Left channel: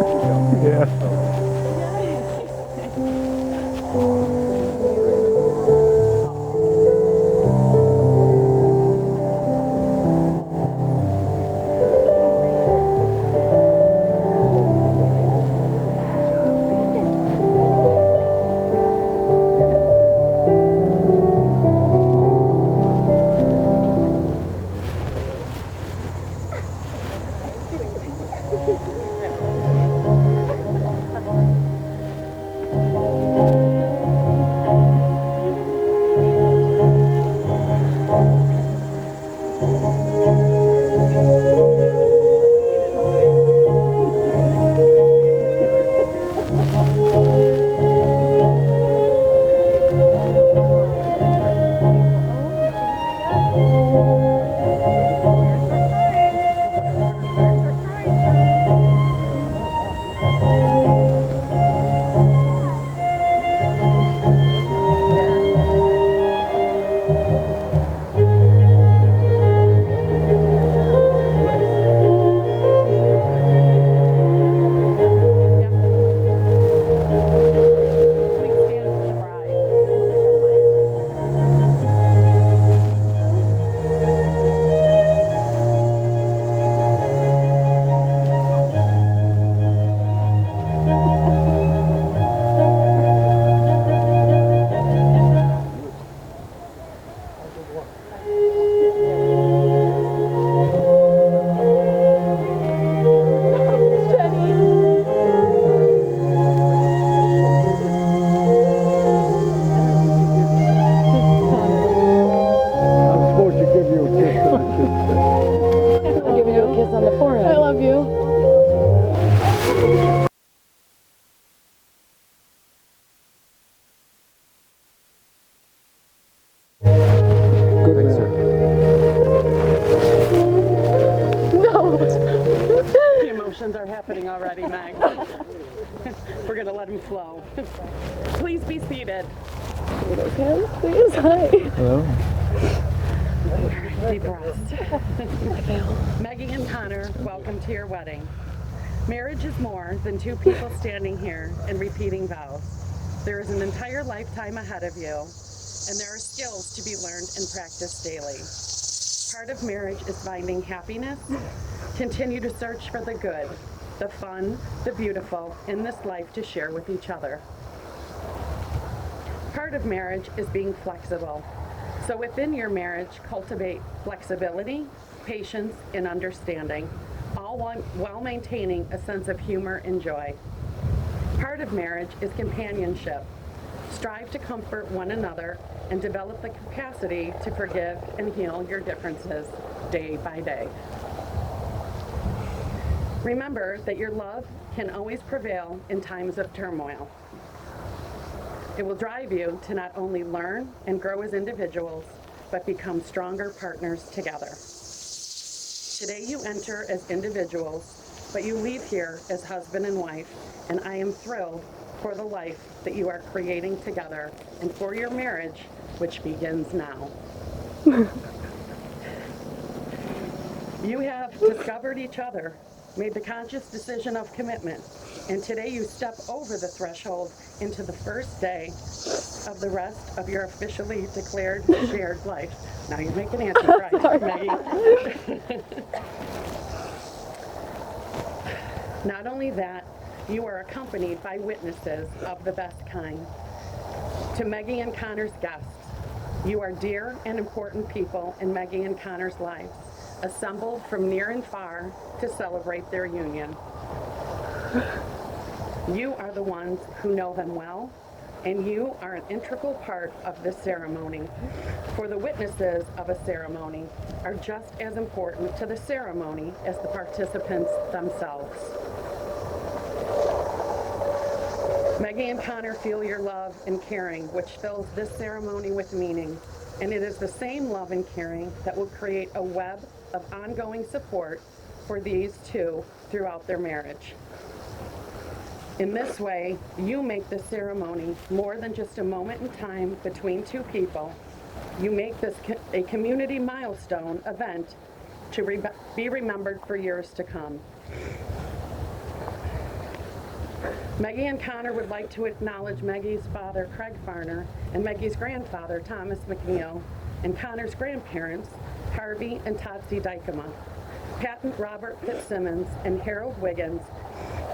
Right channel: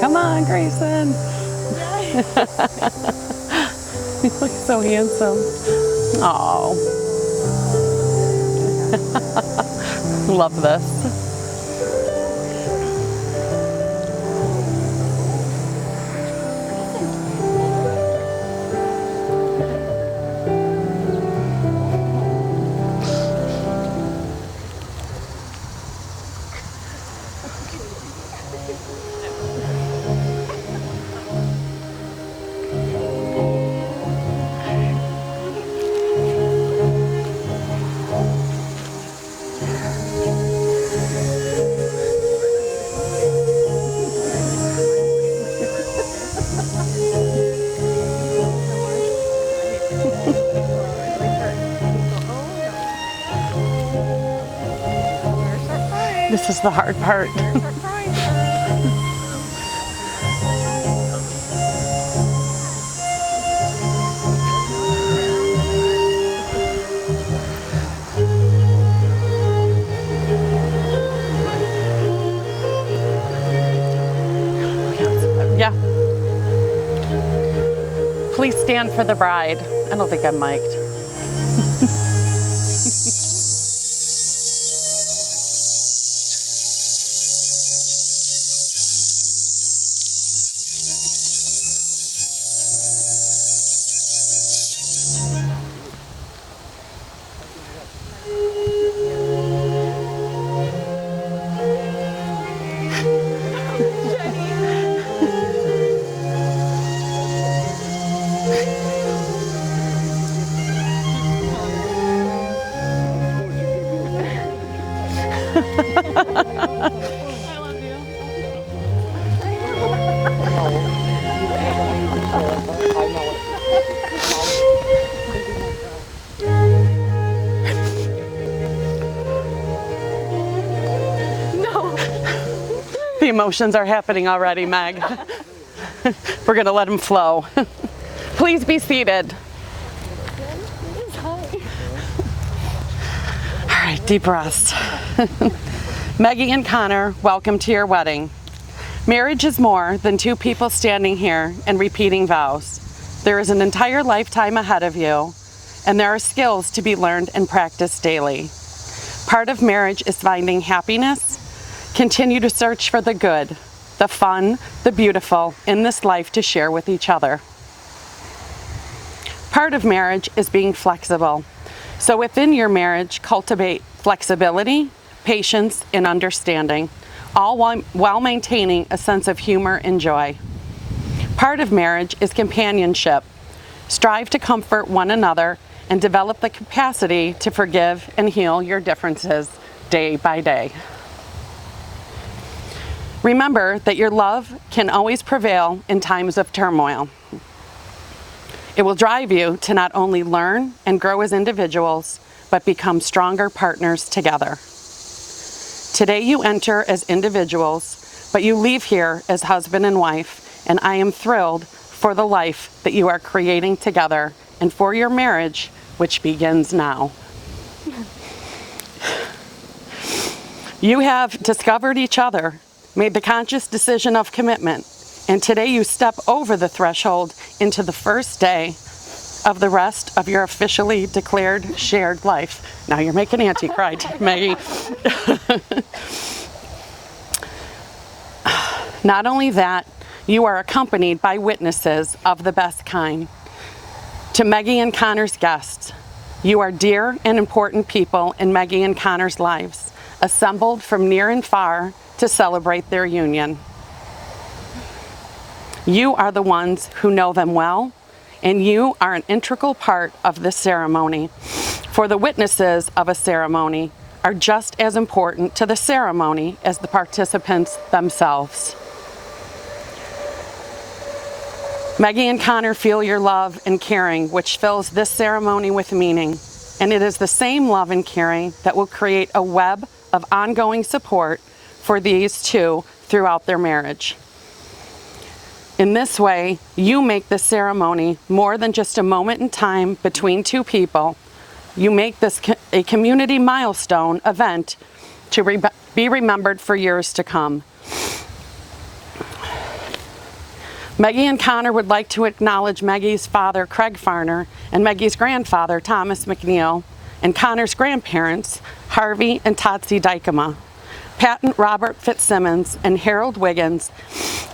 Come on, Grayson. He looks so handsome. Oh. Love this. This is the hard part. Yeah. Please stand for the bride. I don't think I'm mic'd. I love you. No. The emotions are happening already, Meg. We're going to let them flow. Please be seated. Please, hi. All right, deep rest. Meggie and Connor, welcome to your wedding. Marriage is more than two people standing here and repeating vows. There is an entire lifetime ahead of you, and there are skills to be learned and practiced daily. Part of marriage is finding happiness. Continue to search for the good, the fun, the beautiful in this life to share with each other. Part of marriage is being flexible. So within your marriage, cultivate flexibility, patience, and understanding, all while maintaining a sense of humor and joy. Part of marriage is companionship. Strive to comfort one another and develop the capacity to forgive and heal your differences day by day. Remember that your love can always prevail in times of turmoil. It will drive you to not only learn and grow as individuals, but become stronger partners together. Today you enter as individuals, but you leave here as husband and wife, and I am thrilled for the life that you are creating together and for your marriage, which begins now. You have discovered each other, made the conscious decision of commitment, and today you step over the threshold into the first day of the rest of your officially declared shared life. Now you're making Auntie cry, Maggie. Not only that, you are accompanied by witnesses of the best kind. To Meggie and Connor's guests, you are dear and important people in Meggie and Connor's lives, assembled from near and far to celebrate their union. You are the ones who know them well, and you are an integral part of this ceremony. For the witnesses of a ceremony are just as important to the ceremony as the participants themselves. Meggie and Connor feel your love and caring, which fills this ceremony with meaning. And it is the same love and caring that will create a web of ongoing support for these two throughout their marriage. In this way, you make this ceremony more than just a moment in time between two people. You make this a community milestone event to be remembered for years to come. Meggie and Connor would like to acknowledge Meggie's father, Craig Farner, and Meggie's grandfather, Thomas McNeil, and Connor's grandparents, Harvey and Totsie Dykema, Patent Robert Fitzsimmons and Harold Wiggins,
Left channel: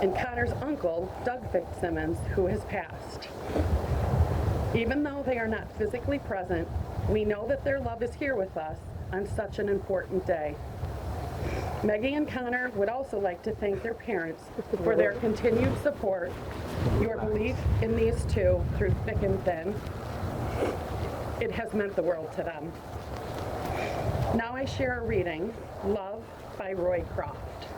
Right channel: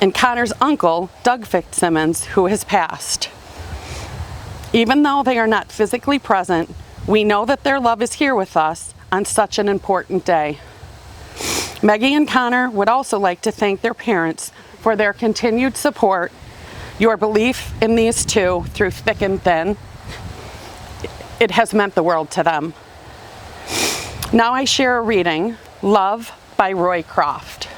and Connor's uncle, Doug Fitzsimmons, who has passed. Even though they are not physically present, we know that their love is here with us on such an important day. Meggie and Connor would also like to thank their parents for their continued support, your belief in these two through thick and thin. It has meant the world to them. Now I share a reading, Love by Roy Croft.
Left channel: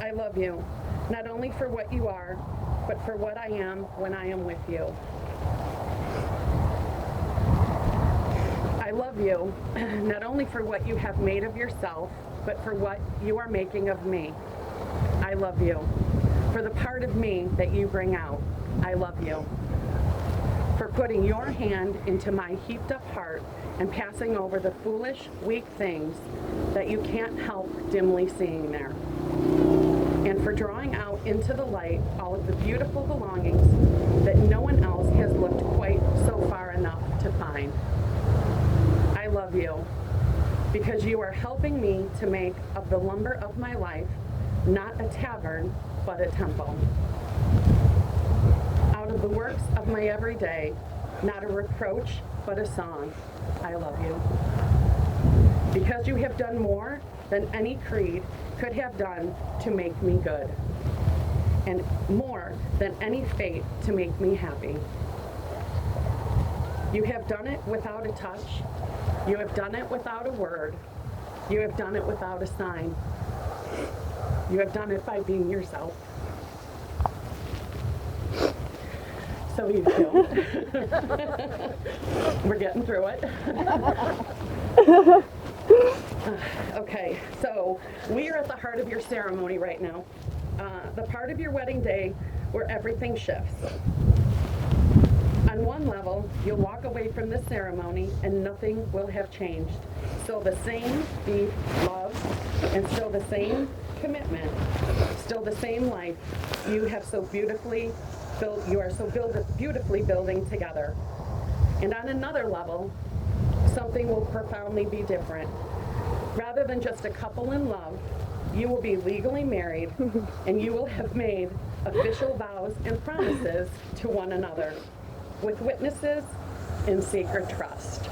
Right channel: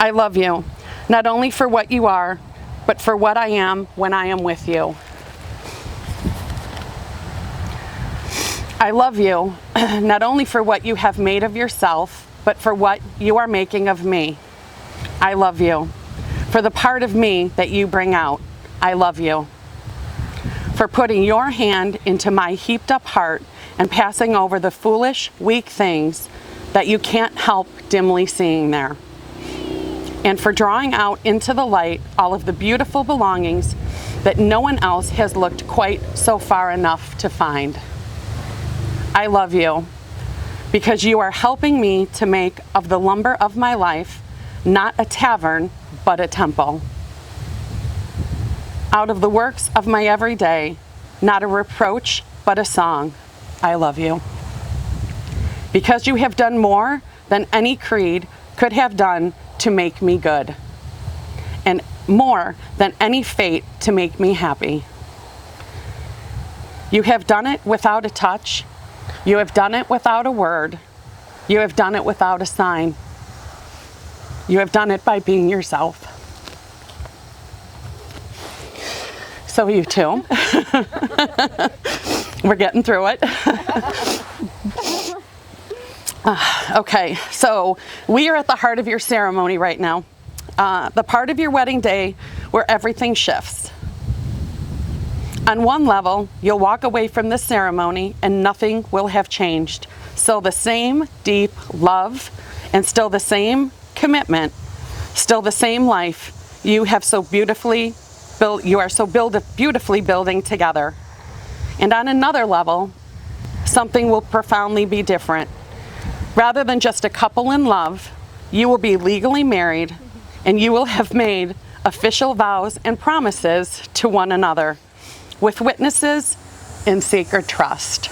I love you, not only for what you are, but for what I am when I am with you. I love you, not only for what you have made of yourself, but for what you are making of me. I love you. For the part of me that you bring out, I love you. For putting your hand into my heaped up heart and passing over the foolish, weak things that you can't help dimly seeing there. And for drawing out into the light all of the beautiful belongings that no one else has looked quite so far enough to find. I love you because you are helping me to make of the lumber of my life not a tavern, but a temple. Out of the works of my everyday, not a reproach, but a song. I love you. Because you have done more than any creed could have done to make me good, and more than any fate to make me happy. You have done it without a touch. You have done it without a word. You have done it without a sign. You have done it by being yourself. So you too. We're getting through it. Okay, so we are at the heart of your ceremony right now. The part of your wedding day where everything shifts. On one level, you'll walk away from this ceremony and nothing will have changed. Still the same deep love and still the same commitment, still the same life you have so beautifully built, you are so beautifully building together. And on another level, something will profoundly be different. Rather than just a couple in love, you will be legally married and you will have made official vows and promises to one another, with witnesses in sacred trust.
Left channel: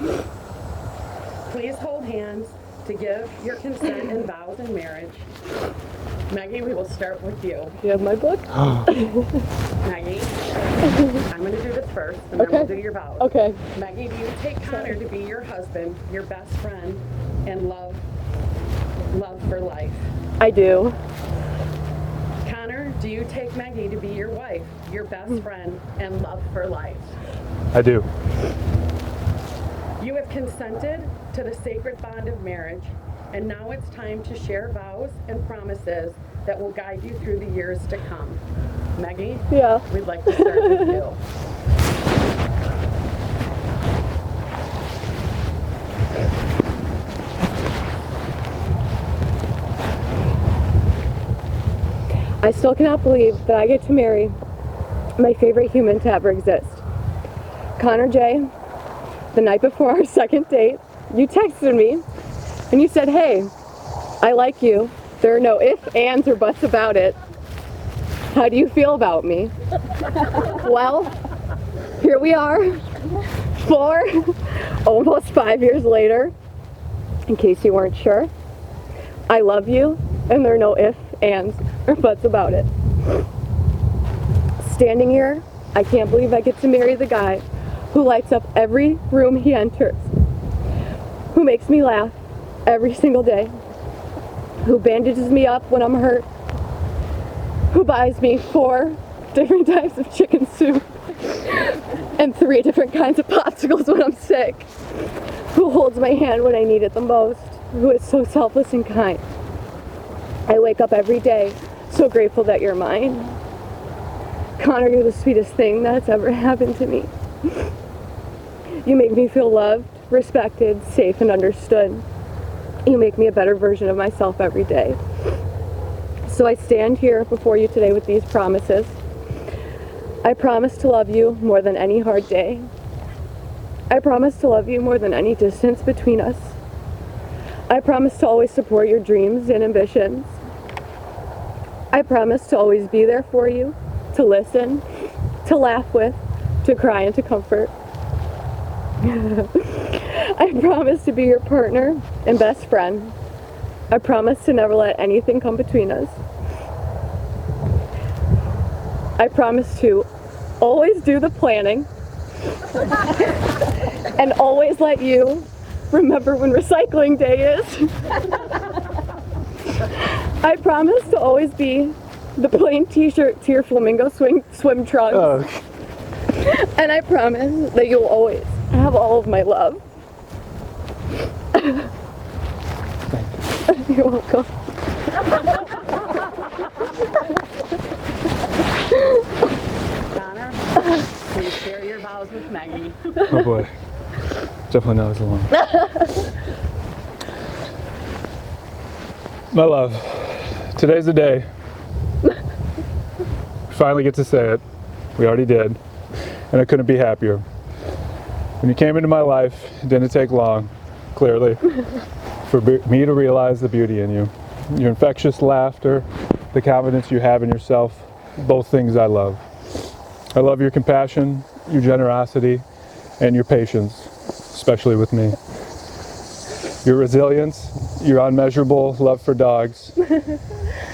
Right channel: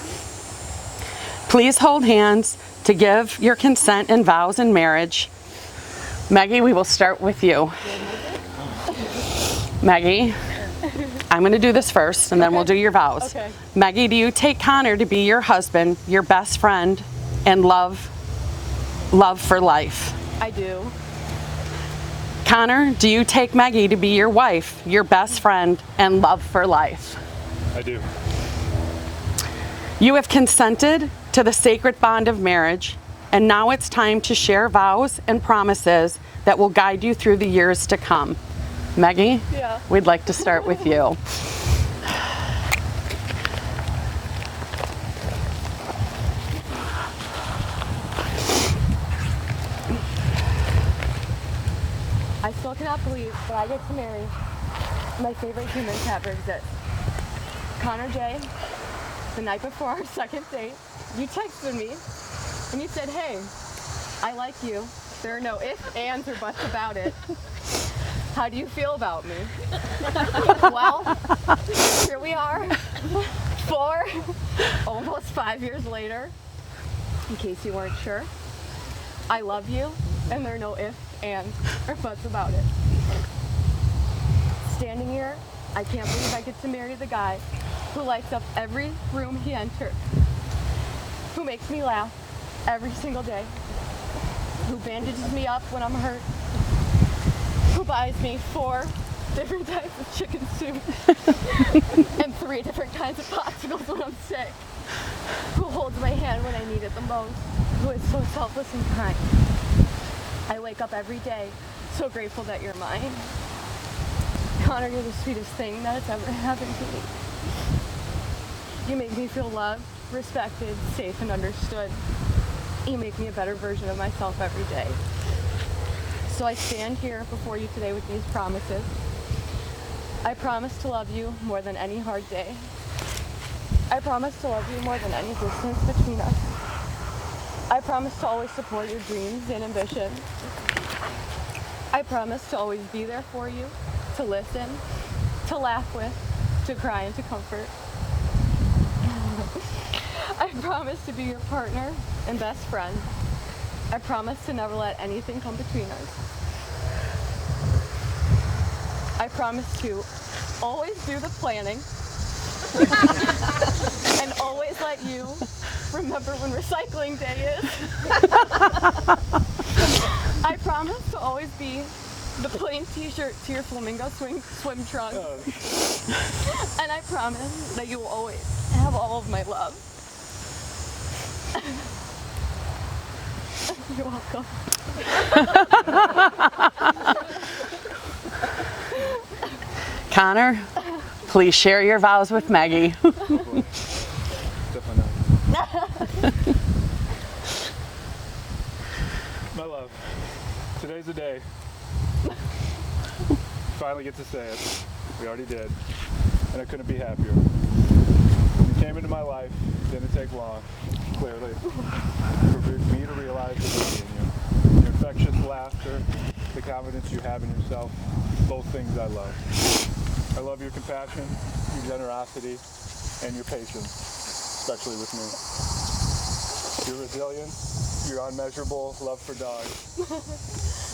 Please hold hands to give your consent and vows in marriage. Meggie, we will start with you. You have my book? Maggie, I'm going to do this first and then we'll do your vows. Okay. Maggie, do you take Connor to be your husband, your best friend, and love for life? I do. Connor, do you take Meggie to be your wife, your best friend, and love for life? I do. You have consented to the sacred bond of marriage, and now it's time to share vows and promises that will guide you through the years to come. Meggie? Yeah. We'd like to start with you. I still cannot believe that I get to marry my favorite human to ever exist. Connor J., the night before our second date, you texted me and you said, "Hey, I like you. There are no ifs, ands, or buts about it. How do you feel about me?" Well, here we are, almost 5 years later. In case you weren't sure, I love you, and there are no ifs, ands, or buts about it. Standing here, I can't believe I get to marry the guy who lights up every room he enters, who makes me laugh every single day, who bandages me up when I'm hurt, who buys me 4 different types of chicken soup and 3 different kinds of popsicles when I'm sick, who holds my hand when I need it the most, who is so selfless and kind. I wake up every day so grateful that you're mine. Connor, you're the sweetest thing that's ever happened to me. You make me feel loved respected, safe, and understood. You make me a better version of myself every day. So I stand here before you today with these promises. I promise to love you more than any hard day. I promise to love you more than any distance between us. I promise to always support your dreams and ambitions. I promise to always be there for you, to listen, to laugh with, to cry and to comfort. I promise to be your partner and best friend. I promise to never let anything come between us. I promise to always do the planning and always let you remember when recycling day is. I promise to always be the plain t-shirt to your flamingo swim trunks. Oh. And I promise that you'll always have all of my love. You're welcome. Connor, please share your vows with Meggie. Oh boy. Definitely not as long. My love, today's the day. Finally get to say it. We already did. And I couldn't be happier. When you came into my life, it didn't take long, clearly, for me to realize the beauty in you. Your infectious laughter, the confidence you have in yourself, both things I love. I love your compassion, your generosity, and your patience, especially with me. Your resilience, your unmeasurable love for dogs,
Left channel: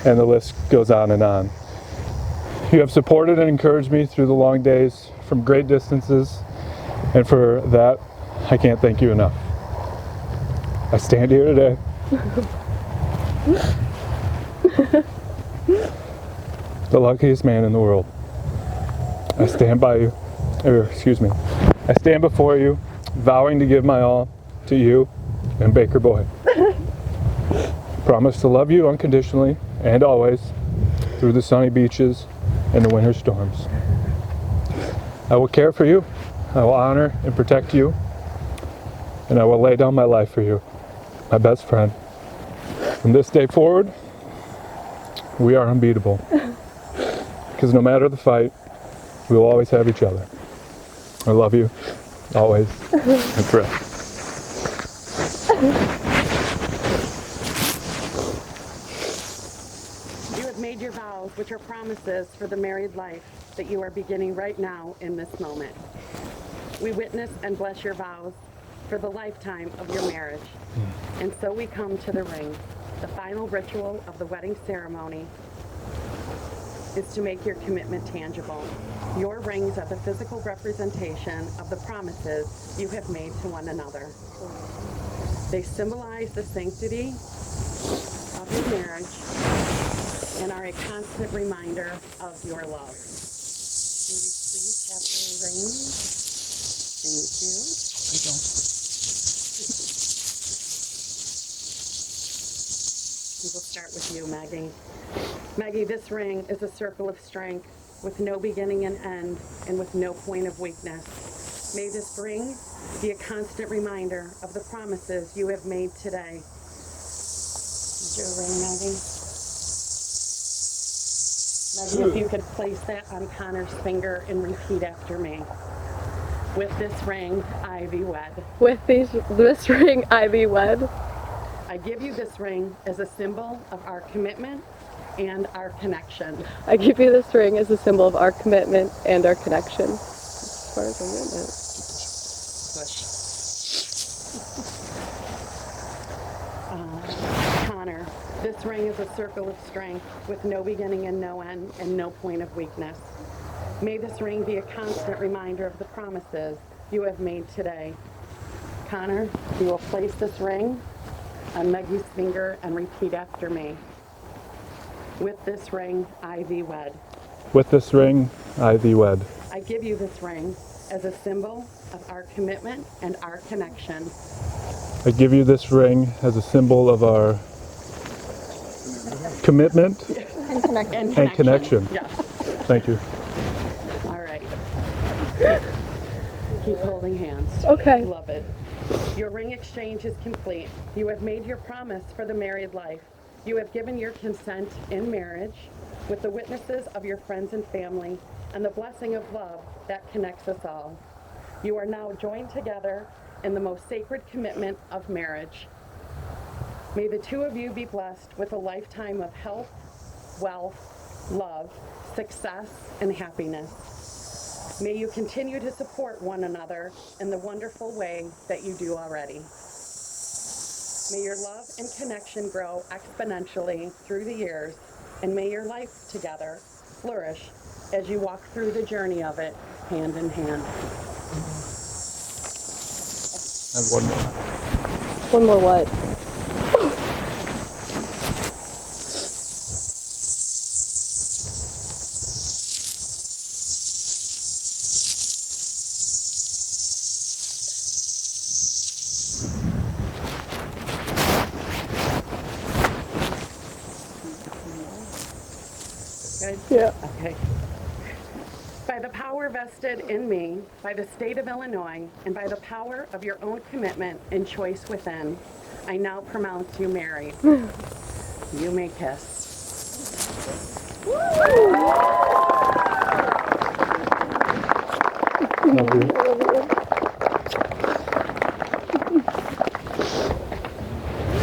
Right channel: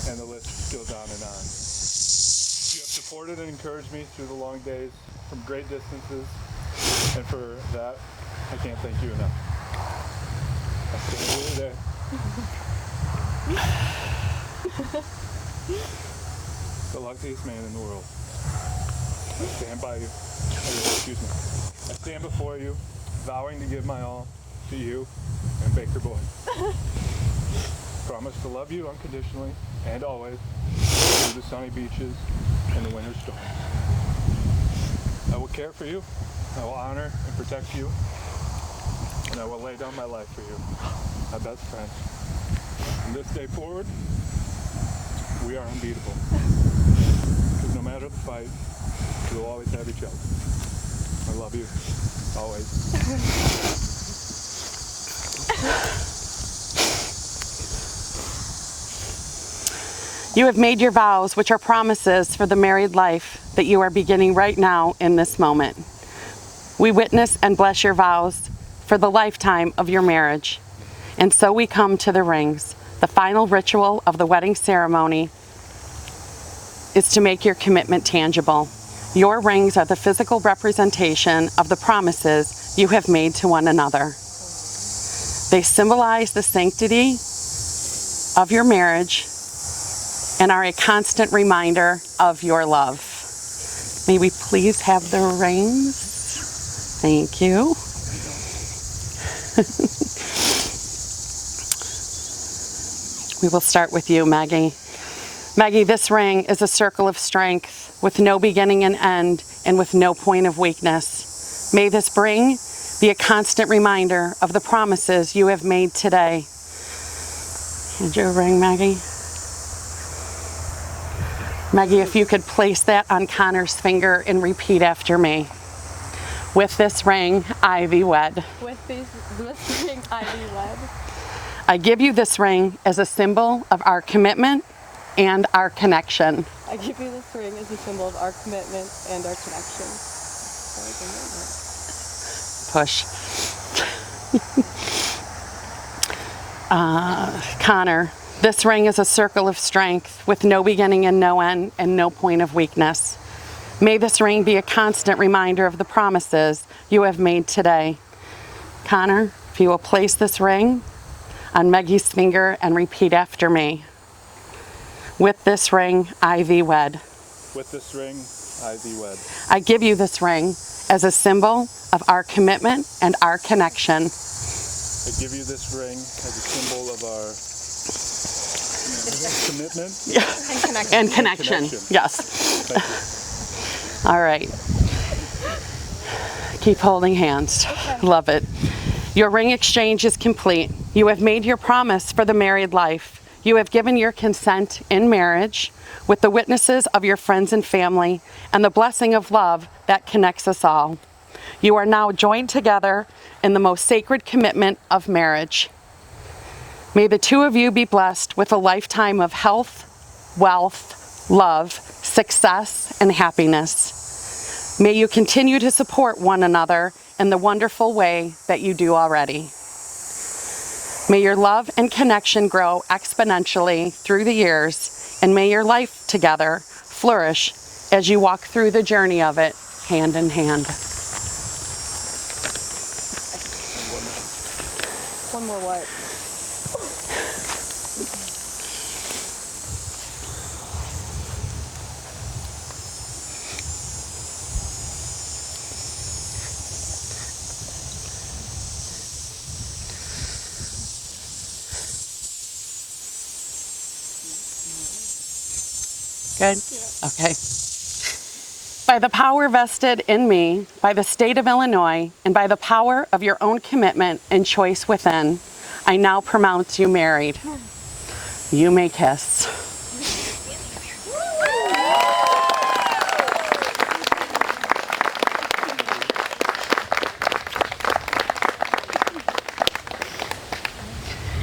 and the list goes on and on. You have supported and encouraged me through the long days from great distances, and for that, I can't thank you enough. I stand here today. The luckiest man in the world. I stand by you, I stand before you, vowing to give my all to you and Baker Boy. Promise to love you unconditionally and always through the sunny beaches and the winter storms. I will care for you, I will honor and protect you, and I will lay down my life for you, my best friend. From this day forward, we are unbeatable. Because no matter the fight, we will always have each other. I love you, always, and forever. You have made your vows, which are promises for the married life that you are beginning right now in this moment. We witness and bless your vows for the lifetime of your marriage. And so we come to the rings. The final ritual of the wedding ceremony is to make your commitment tangible. Your rings are the physical representation of the promises you have made to one another. They symbolize the sanctity of your marriage and are a constant reminder of your love. May we please have the rings? Thank you. We will start with you, Meggie. Meggie, this ring is a circle of strength with no beginning and end and with no point of weakness. May this ring be a constant reminder of the promises you have made today. Here's your ring, Meggie. Meggie, if you could place that on Connor's finger and repeat after me. With this ring, I thee wed. With this ring, I thee wed. I give you this ring as a symbol of our commitment and our connection. I give you this ring as a symbol of our commitment and our connection. Push. Connor, this ring is a circle of strength with no beginning and no end and no point of weakness. May this ring be a constant reminder of the promises you have made today. Connor, if you will place this ring on Meggie's finger and repeat after me. With this ring, I thee wed. With this ring, I thee wed. I give you this ring as a symbol of our commitment and our connection. I give you this ring as a symbol of our commitment And connection. And connection. Yes. Thank you. All right. Keep holding hands. Okay. Love it. Your ring exchange is complete. You have made your promise for the married life. You have given your consent in marriage with the witnesses of your friends and family and the blessing of love that connects us all. You are now joined together in the most sacred commitment of marriage. May the two of you be blessed with a lifetime of health, wealth, love, success, and happiness. May you continue to support one another in the wonderful way that you do already. May your love and connection grow exponentially through the years, and may your life together flourish as you walk through the journey of it hand in hand. And one more. One more what? Good? Yeah. Okay. By the power vested in me, by the state of Illinois, and by the power of your own commitment and choice within, I now pronounce you married. You may kiss.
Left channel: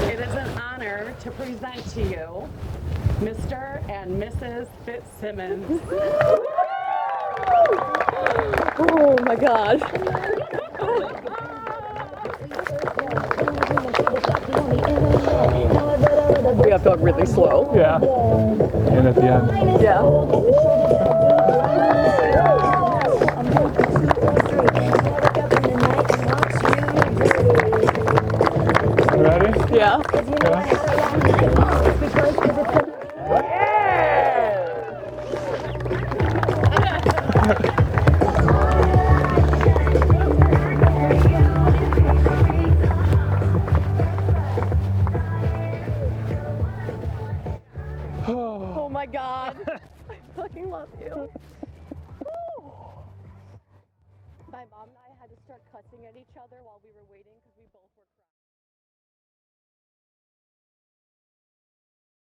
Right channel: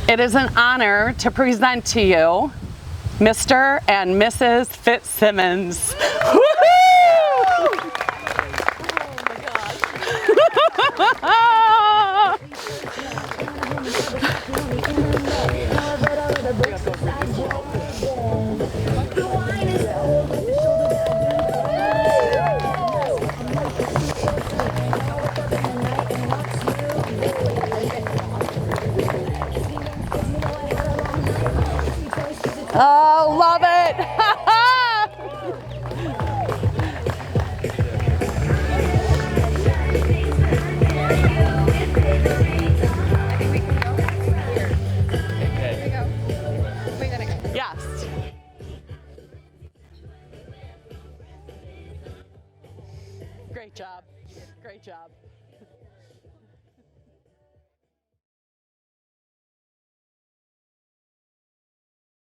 It is an honor to present to you Mr. and Mrs. Fitzsimmons. Oh my gosh. We have to go really slow. Yeah. And at the end. Yeah. You ready? Yeah. Oh, love it! Yes. Oh my god. I fucking love you. Great job. Great job.